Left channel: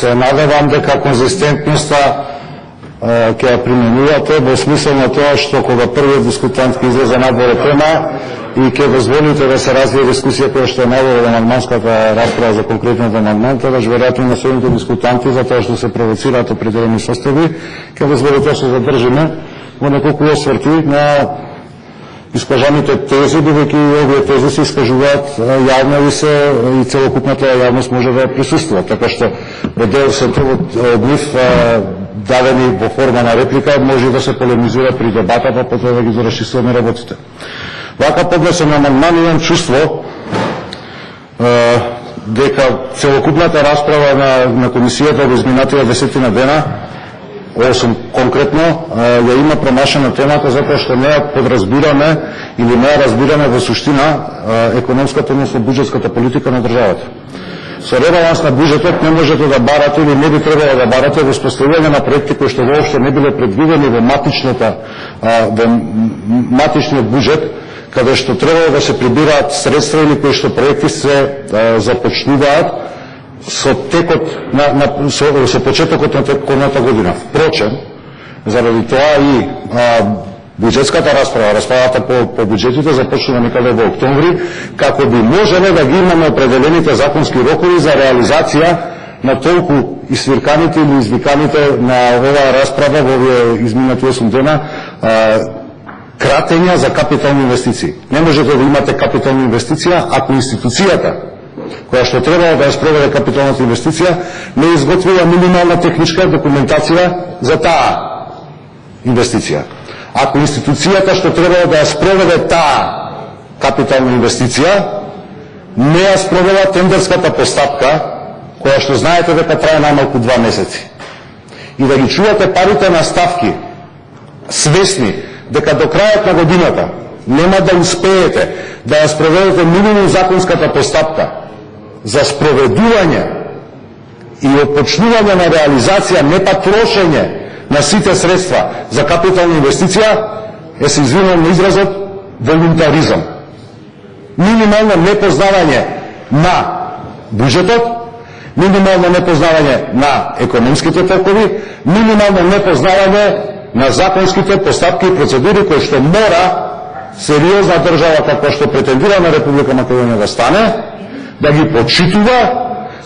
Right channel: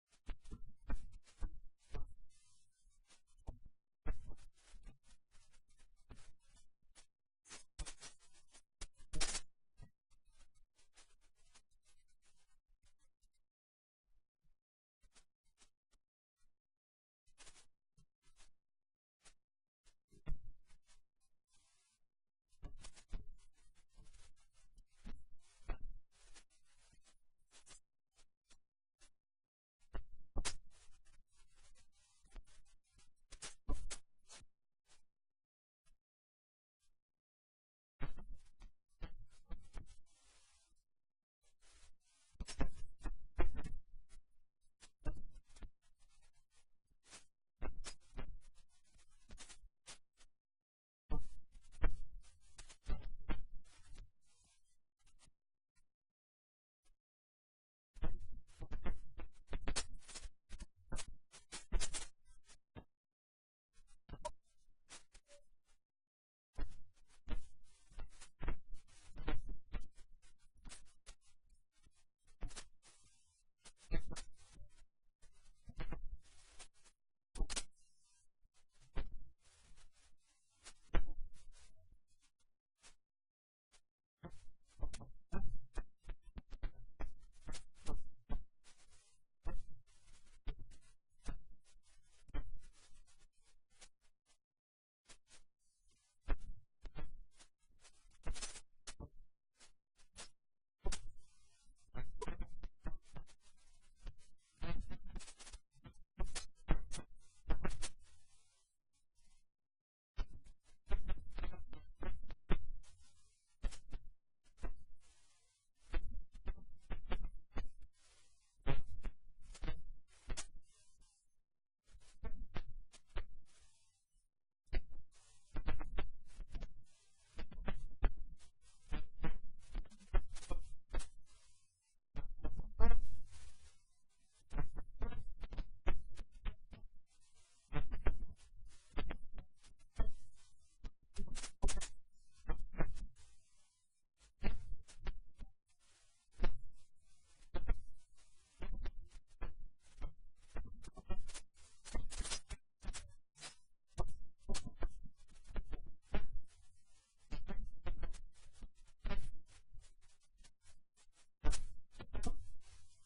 Се надевам дека конзистентноста ќе ја применувате во смисла на тоа што кога првиот дискутант ќе излезе надвор тема и ќе дозволите да се развие дискусија која што е надвор од амандманската расправа за конкретниот амандман, тогаш веројатно на следните дискутанти, затоа што се провоцираат определени состави, ќе дозволите да се задржиме во неколку осврти на искажаните тези, бидејќи овие тези се искажуваат јавно и целокупната јавност може да присуствува. Така што дел се од нив дадени во форма на реплика може да се полемизира при дебата, па потоа да ги дорешисуваме работите. Вака поднесен амандман имам чувство дека целокупната расправа на комисијата во изминатите 10 дена, 8 конкретно, ја има промашена темата затоа што не ја подразбираме или не ја разбираме во суштина економската, односно буџетската политика на државата. Со ребаланс на буџетот не можете да барате или не би требало да барате во споставување на проекти кои што воопшто не биле предвидени во матичниот буџет, каде што требало да се прибираат средства или кои што проекти се започнуваат со текот со почетокот на теконата година. Впрочем, заради тоа и буџетската расправата по буџетите започнува некаде во октомври, како би можеле да ги имаме определените законски рокови за реализација на толку извирканите или извиканите на оваа расправа во овие изминати 8 дена кратења за капитални инвестиции. Не можете да имате капитална инвестиција ако институцијата која што требало да ја спроведе капиталната инвестиција не изготвила минимална техничка документација за таа инвестиција. Ако институцијата што требало да ја спроведе таа капитална инвестиција не ја спровела тендерската постапка, која што знаете дека трае најмалку 2 месеци, и да ги чувате парите на ставки, свесни дека до крајот на годината нема да успеете да ја спроведете минимум законската постапка за спроведување и отпочнување на реализација, не па трошење на сите средства за капитална инвестиција, се извинувам на изразот, волунтаризам. Минимално непознавање на буџетот, минимално непознавање на економските токови, минимално непознавање на законските постапки и процедури кои што мора сериозна држава како што претендира на Република Македонија да стане, да ги почитува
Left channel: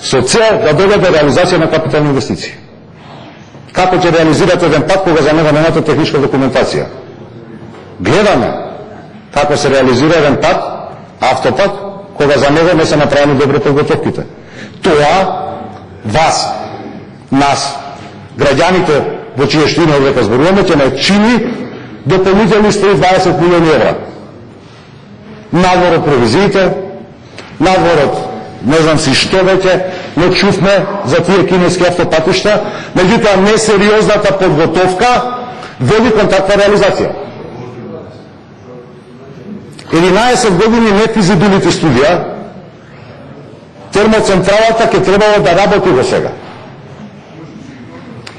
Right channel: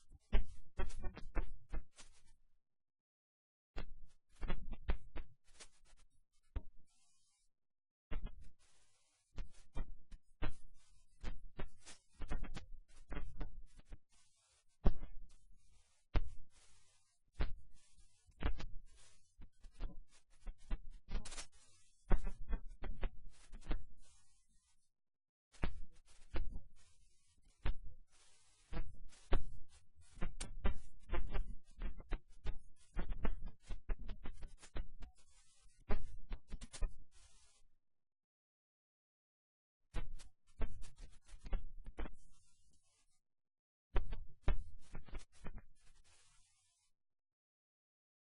со цел да доведе реализација на капитални инвестиции. Како ќе реализирате еден пат кога за него немате техничка документација? Гледаме како се реализира еден пат, автопат, кога за него не се направени добри подготовките. Тоа вас, нас, граѓаните во чија штина дека зборуваме, ќе не чини дополнителни 120 милиони евра. Надвор од провизиите, надвор од не знам си што веќе, не чувме за тие кинески автопатишта, меѓутоа несериозната подготовка води кон таква реализација. 11 години нефизибилити студија, термоцентралата ќе требало да работи во сега.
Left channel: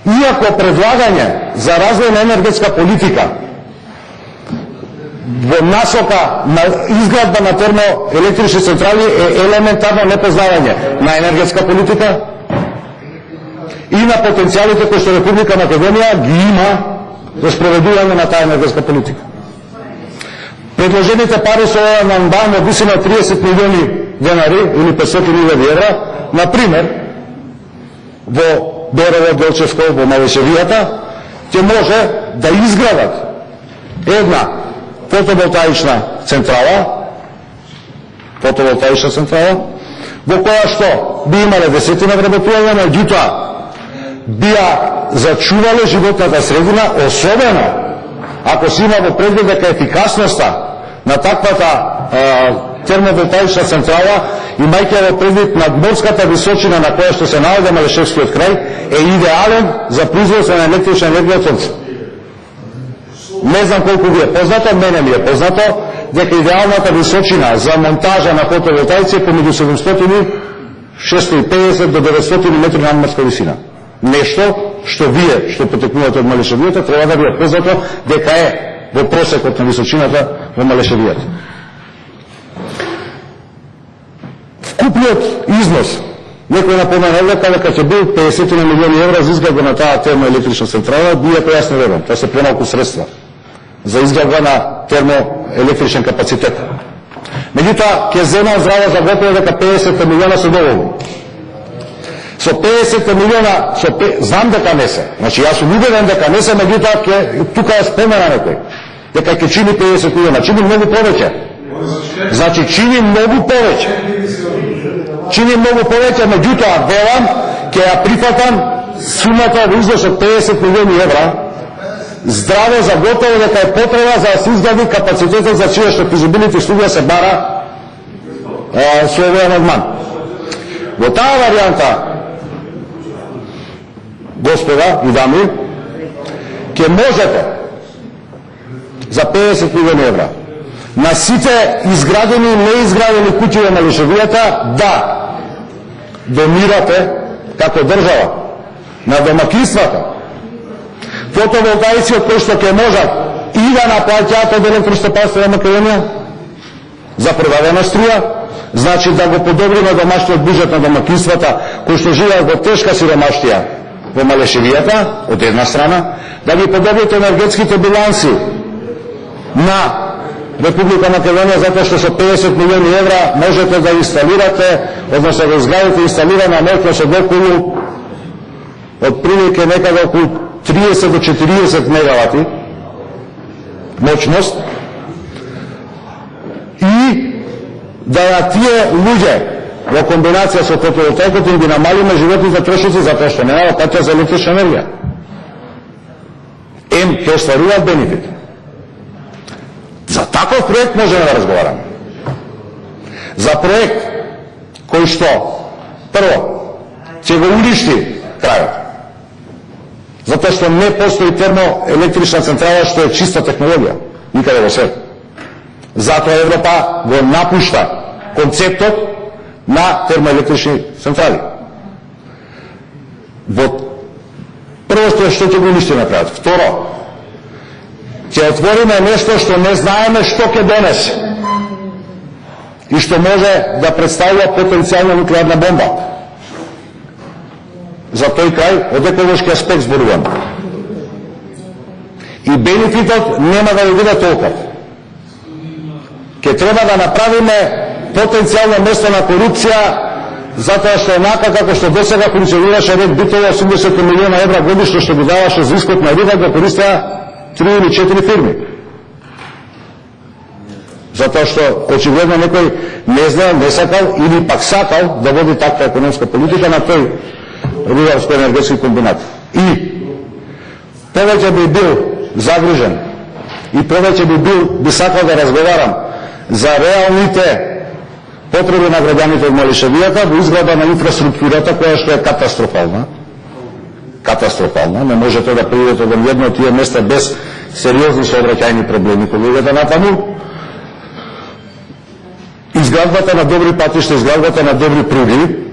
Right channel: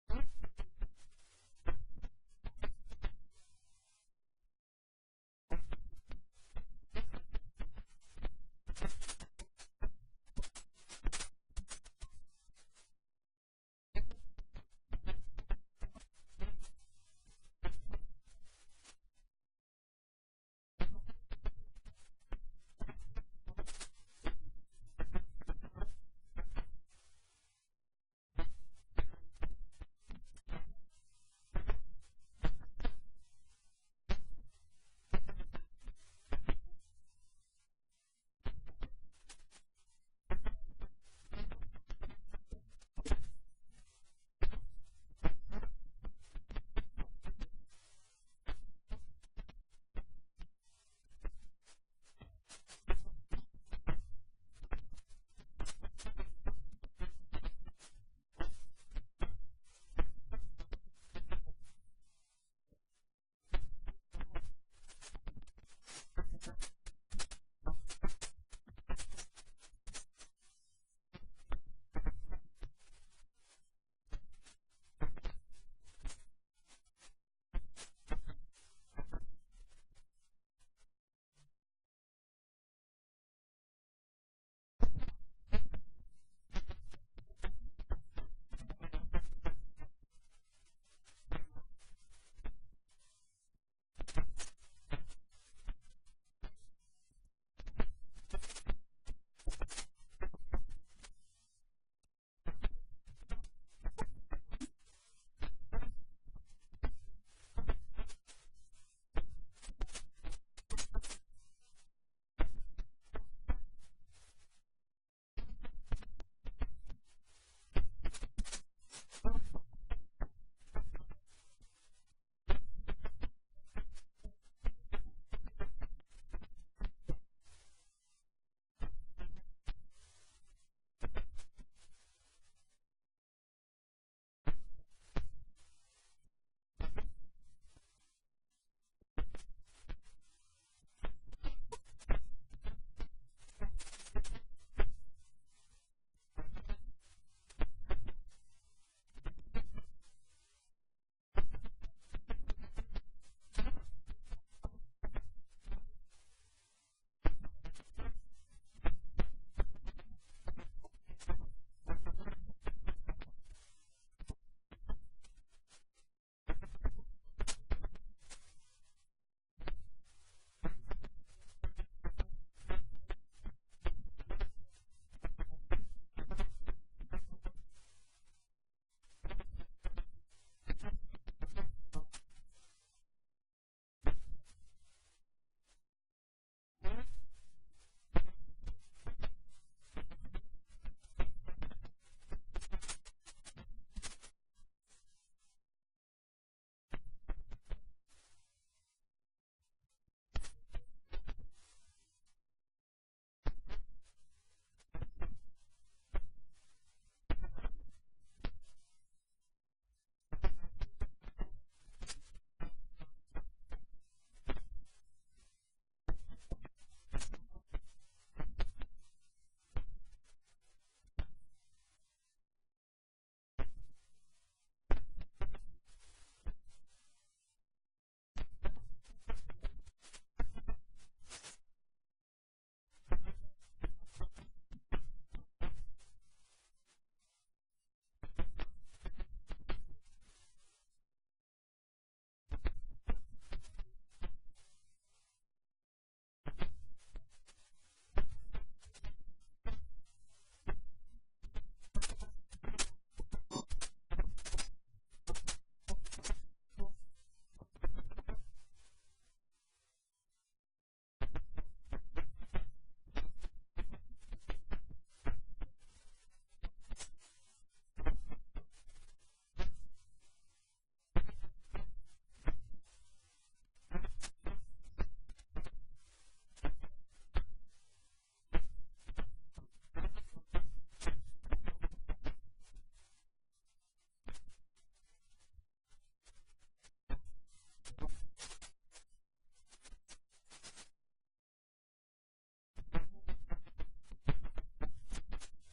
Иако предлагање за развој на енергетска политика во насока на изградба на термоелектрични централи е елементарно непознавање на енергетска политика и на потенцијалите кои што Република Македонија ги има за спроведување на таа енергетска политика. Предложените пари со овој амандман од висина 30 милиони денари или 500.000 евра, например, во Берово, Делчевско, во Малешевијата, ќе може да изградат една фотоволтаична централа, во која што би имале десетина вработувања, меѓутоа бија зачувале животната средина, особено ако се има во предвид дека ефикасноста на таквата термоволтаична централа, имајќи во предвид надморската височина на која што се наоѓа Малешевскиот крај, е идеален за производство на електрична енергија од сонце. Не знам колку ви е познато, мене ми е познато, дека идеалната височина за монтажа на фотоволтаици е помеѓу 650 до 900 метри надморска висина. Нешто што вие, што потекнувате од Малешевијата, треба да ви е познато дека е во просекот на височината во Малешевијата. Вкупниот износ, некој напомена дека ќе бил 50 милиони евра за изградба на таа термоелектрична централа, бијата јас не верувам, тоа се премалку средства за изградба на термоелектричен капацитет. Меѓутоа, ќе земам здраво за готово дека 50 милиона се доволни. Со 50 милиона, знам дека не се, значи јас сум убеден дека не се, меѓутоа тука е спомена некој, дека ќе чини 50 милиона, чини многу повеќе. Значи чини многу повеќе. Чини многу повеќе, меѓутоа велам, ќе ја прифатам сумата во износ од 50 милиони евра, здраво за готово дека е потреба за да се изгради капацитетот за чија што физибилити студија се бара со овој амандман. Во таа варијанта, господа и дами, ќе можете за 50 милиони евра на сите изградени и неизградени куќи во Малишевијата да донирате како држава на домакинствата фотоволтаици од кои што ќе можат и да наплаќаат од Електростопанство на Македонија за продадена струја, значи да го подобриме домашниот буџет на домакинствата кои што живеат во тешка сиромаштија во Малишевијата, од една страна, да ги подобрите енергетските биланси на Република Македонија, затоа што со 50 милиони евра можете да инсталирате, односно да изградите инсталирана мощност од околу отприлike некаде околу 30 до 40 мегавати мощност и да тие луѓе во комбинација со фотоволтаикот им ги намалиме животните трошоци затоа што нема плаќа за електрична енергија. Ќе остваруваат бенефит. За таков проект можеме да разговараме. За проект кој што прво ќе го уништи крајот. Затоа што не постои термоелектрична централа што е чиста технологија никаде во свет. Затоа Европа го напушта концептот на термоелектрични централи. Прво што ќе го уништи на крајот. Второ, ќе отвориме нешто што не знаеме што ќе донесе и што може да представува потенцијална нуклеарна бомба. За тој крај, од еколошки аспект зборувам. И бенефитот нема да биде толков. Ќе треба да направиме потенцијално место на корупција, затоа што онака како што досега функционираше ред битово 80 милиона евра годишно што го даваше за искот на риба, го користеа 3 или 4 фирми. Затоа што очигледно некој не знаел, не сакал или пак сакал да води таква економска политика на тој рударско-енергетски комбинат. И повеќе би бил загрижен и повеќе би сакал да разговарам за реалните потреби на граѓаните од Малишевијата во изградба на инфраструктурата која што е катастрофална. Катастрофална. Не можете да придете до едно од тие места без сериозни сообраќајни проблеми кога идете натаму. Изградбата на добри патишта, изградбата на добри пруги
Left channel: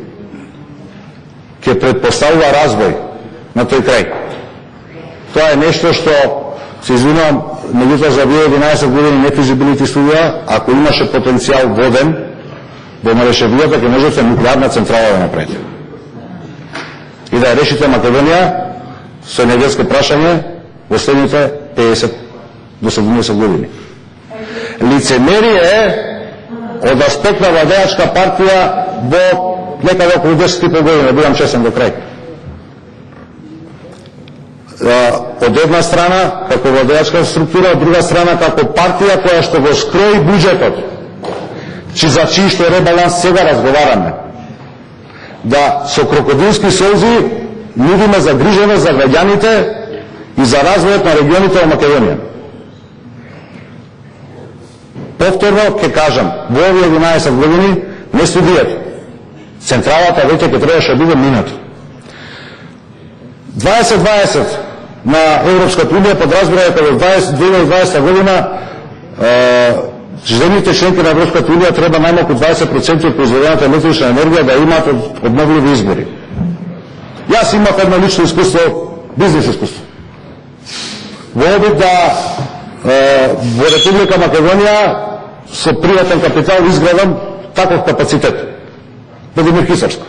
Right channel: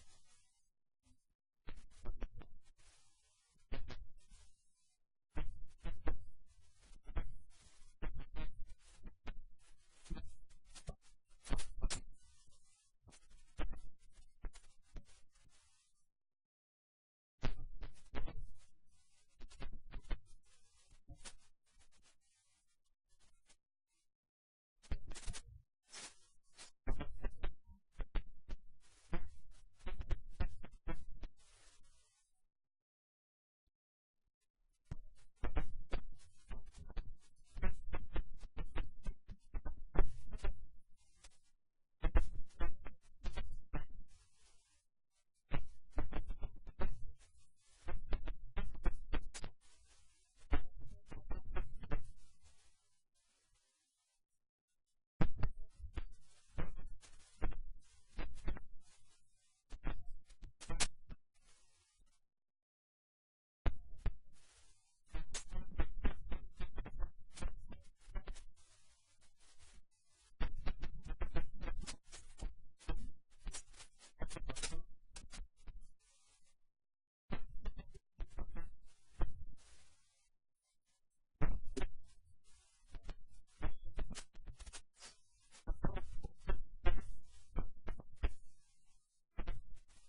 ќе предпоставува развој на тој крај. Тоа е нешто што, се извинувам, меѓутоа за 11 години нефизибилити студија, ако имаше потенцијал воден во Малишевијата, ќе можете нуклеарна централа да направите. И да ја решите Македонија со енергетско прашање во следните 50 до 70 години. Лицемерие е од аспект на владеачка партија во некаде околу 10,5 години, бидам честен до крај. Од една страна како владеачка структура, од друга страна како партија која што го скрои буџетот, за чиј што ребаланс сега разговараме. Да со крокодилски солзи нудиме загриженост за граѓаните и за развојот на регионите во Македонија. Повторно ќе кажам, во овие 11 години не студијата. Централата веќе ќе требаше да биде минато. 2020 на Европската унија подразбира дека во 2020 година земјите членки на Европската унија треба најмалку 20% од произведената електрична енергија да имаат обновливи извори. Јас имав едно лично искуство, бизнес искуство. Во обид да во Република Македонија со приватен капитал изградам таков капацитет. Владимир Хисарско.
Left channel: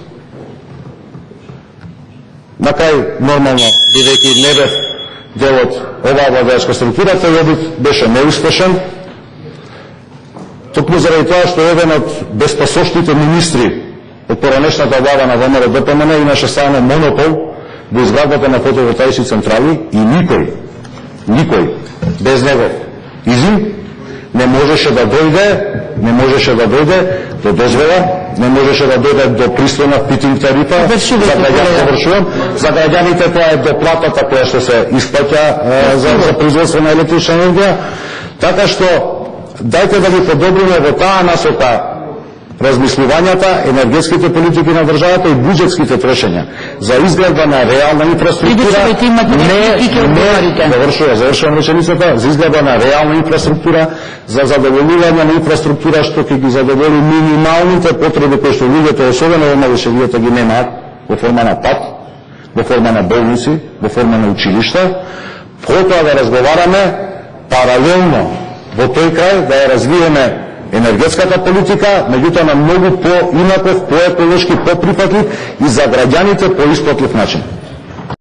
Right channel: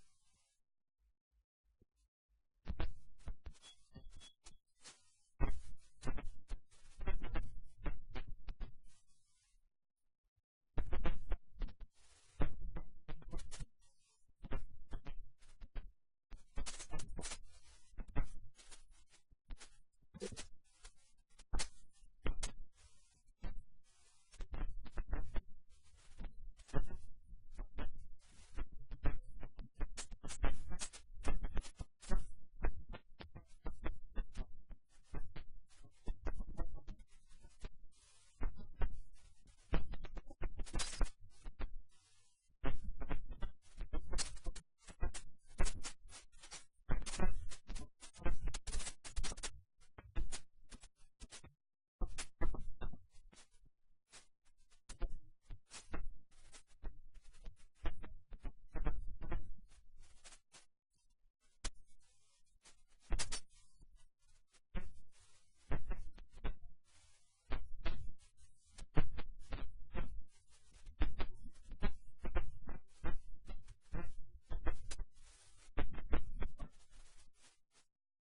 На крај, нормално, бидејќи не бев дел од оваа владеачка структура, тој обид беше неуспешен, токму заради тоа што еден од безпасошните министри од поранешната влада на ВМРО ДПМН имаше само монопол во изградбата на фотоволтаични централи и никој без негов изум не можеше да дојде до дозвола, не можеше да дојде до пристојна фитинг тарифа. За граѓаните тоа е доплатата која што се исплаќа за производство на електрична енергија. Така што дајте да ги подобриме во таа насока размислувањата, енергетските политики на државата и буџетските трошења за изградба на реална инфраструктура. Завршувам реченицата, за изградба на реална инфраструктура, за задоволување на инфраструктура што ќе ги задоволи минималните потреби кои што луѓето, особено во малошевијата, ги немаат во форма на пат, во форма на болници, во форма на училишта. Потоа да разговараме паралелно во тој крај да ја развиеме енергетската политика, меѓутоа на многу по-инаков, по-еколошки, по-прифатлив и за граѓаните по-исплатлив начин.